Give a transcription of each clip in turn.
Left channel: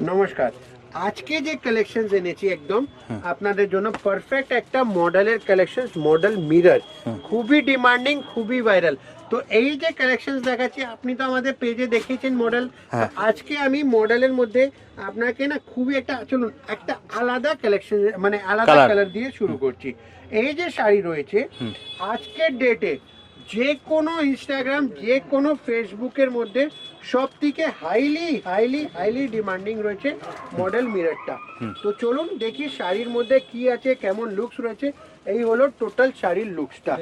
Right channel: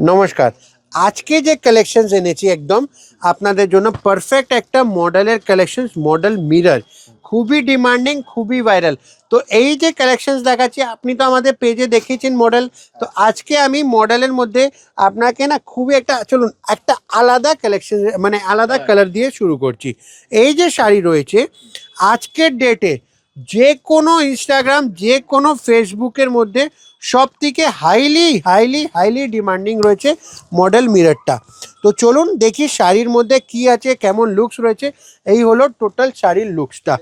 নমস্কার। আজকে যে কালেকশনস এনেছি একদম আপনাদের জন্য পারফেক্ট একটা মডেলের কালেকশনস, মডেল মিরর। খুবই ডিমান্ডিং, খুবই ভাইরাল। তো এই যে কালেকশনস দেখাচ্ছি, আপনি তো আমাদের পেজে দেখেছেন মডেল। তো হ্যাঁ। আজকে আমি মডেলের মধ্যে আপনাকে না খুবই একটা, চলুন একটা আলাদা কালেকশন, মানে আলাদা কালার। কালার দিয়ে শুরু করছি। এই যে শাড়ি রয়েছে আজকের ডেটে, যে কোনো ইনস্টাগ্রাম, যে কোনো ফেসবুকের মধ্যে সব থেকে হাইলি হাইলি হাইলি ডিমান্ডিং রয়েছে মডেল মিররটা। তো চলুন দেখি শাড়ির মধ্যে কি আছে, কেমন লুকস রয়েছে। এই হলো টোটাল শাড়ির লুকসটা।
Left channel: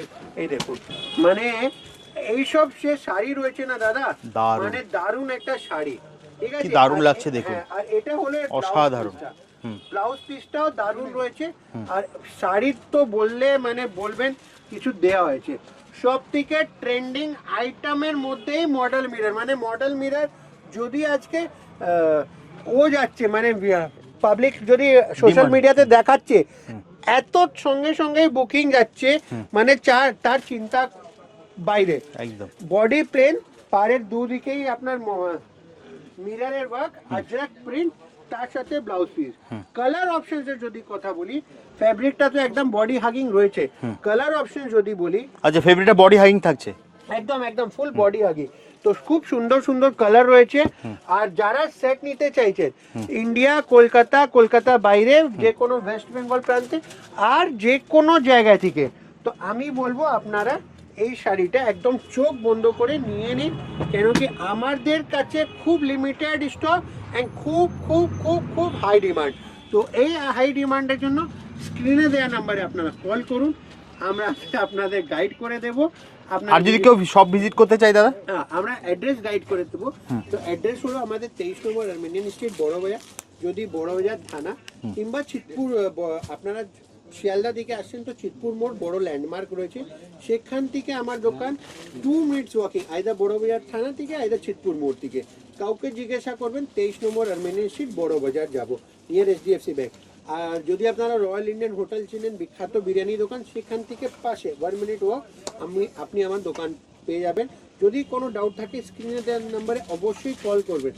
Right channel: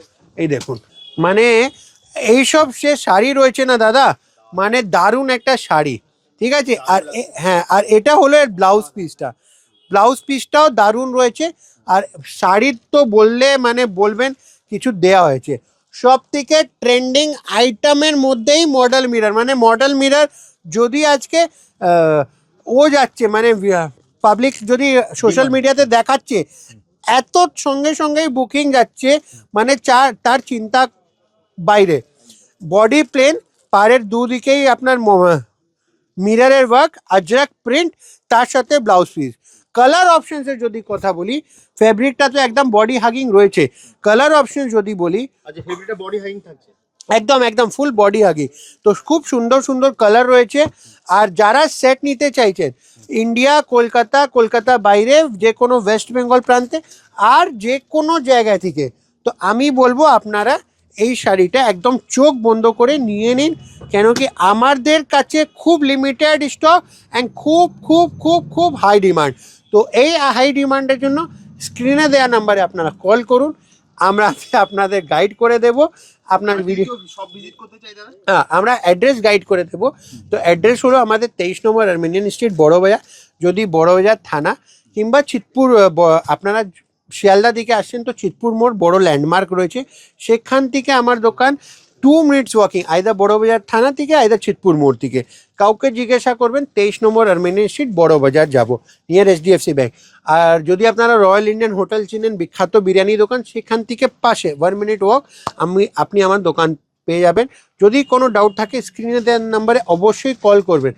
এই দেখুন, মানে এইসব সে শাড়ি রয়েছে না দাদা, দারুণ। মানে দারুণ একটা শাড়ি। ঠিক আছে। দারুণ আর লাগছে দেখে। হ্যাঁ, আর এটা হলো এর ব্লাউজ অসাধারণ। পিসটা। হুম। ব্লাউজ পিসটাও দারুণ রয়েছে। আর শাড়ির তো বললে মানে বলবেন কিছু দেয়া হয়েছে। সব থেকে ট্রেন্ডিং আইটেমের মধ্যেই মডেল মিরর, মানে মডেল মিরর যদি আজকে ও যাচ্ছে, মানে পাবলিক যদি সোশ্যাল মিডিয়াতে দেখাচ্ছে, এত সঙ্গে সঙ্গেই বুকিং যাচ্ছে, মানে তার চিন্তা বাইরে। একদম। বডি প্লেন, পাড়ের দুদিকেই আপনার মিররের ওয়ার্ক, আজরাক প্রিন্ট, তার সাথে ব্লাউজ পিস। কালার অপশনসের যদি কথা বলি, ফেব্রিকটা তো একদম বডি হাগিং রয়েছে। কালার অপশন যদি বলি, আচ্ছা, ফেভারিটটা বডি হাইং থাকছে। একদম একদম ফুল বডি হাগি। তো খুব সুন্দর সুন্দর কালার রয়েছে। আর যারা সেট নিতে চাইছেন, ইন্ডিয়া, কলকাতা, কলকাতা বাইরে, যে কোনো ওয়েস্ট বেঙ্গল প্রান্তে, আর যে কোনো জায়গা থেকে, তো আমি বলবো আপনারা এই শাড়িটা একদম চোখ বন্ধ করে নিয়ে নিন। কেন কি আমাদের কাছে খুব লিমিটেড স্টক অ্যান্ড খুব খুব খুব খুব হাই ডিমান্ড। তো এই হাই ডিমান্ডের জন্য স্ক্রিনে দেওয়া নাম্বারে আপনারা কল করুন, আমরা আপনাদের গাইড করে দেবো। আপনার আর যদি কেউ সব ভিজিট করতে চাই দাদা? হ্যাঁ, আমরা অ্যাড্রেস গাইড করে দেবো। তো অ্যাড্রেস হলো আমাদের 23 নম্বর আর্মেনিয়ান স্ট্রিট, বড়বাজার। যদি বড়বাজার থানা কিংবা চিতপুর, আপনারা শিয়ালদা দিকে আসছেন তো চিতপুর মোড় বড় ল্যান্ডমার্ক রয়েছে, সেখান থেকে আমার দোকান 2 মিনিটস ওয়াকিং, আইদার বড়বাজার থানা থেকে, আইদার চিতপুর মোড় থেকে। কাউকে জিজ্ঞাসা করবেন 23 নম্বর আর্মেনিয়ান স্ট্রিট, বড়বাজার যাব, নিয়ার HDFC ব্যাংক। আর যদি আপনারা রয়্যাল ইন্ডিয়ান হোটেল চিনেন, বিখ্যাত বিরিয়ানি দোকান, সেখান থেকে পাশে 1 মিনিট ওয়াক আপনি আমার দোকান পেয়ে যাবেন। যদি কোনো ডাউট থাকে স্ক্রিনে দেওয়ার নাম্বারে অবশ্যই কল করবেন।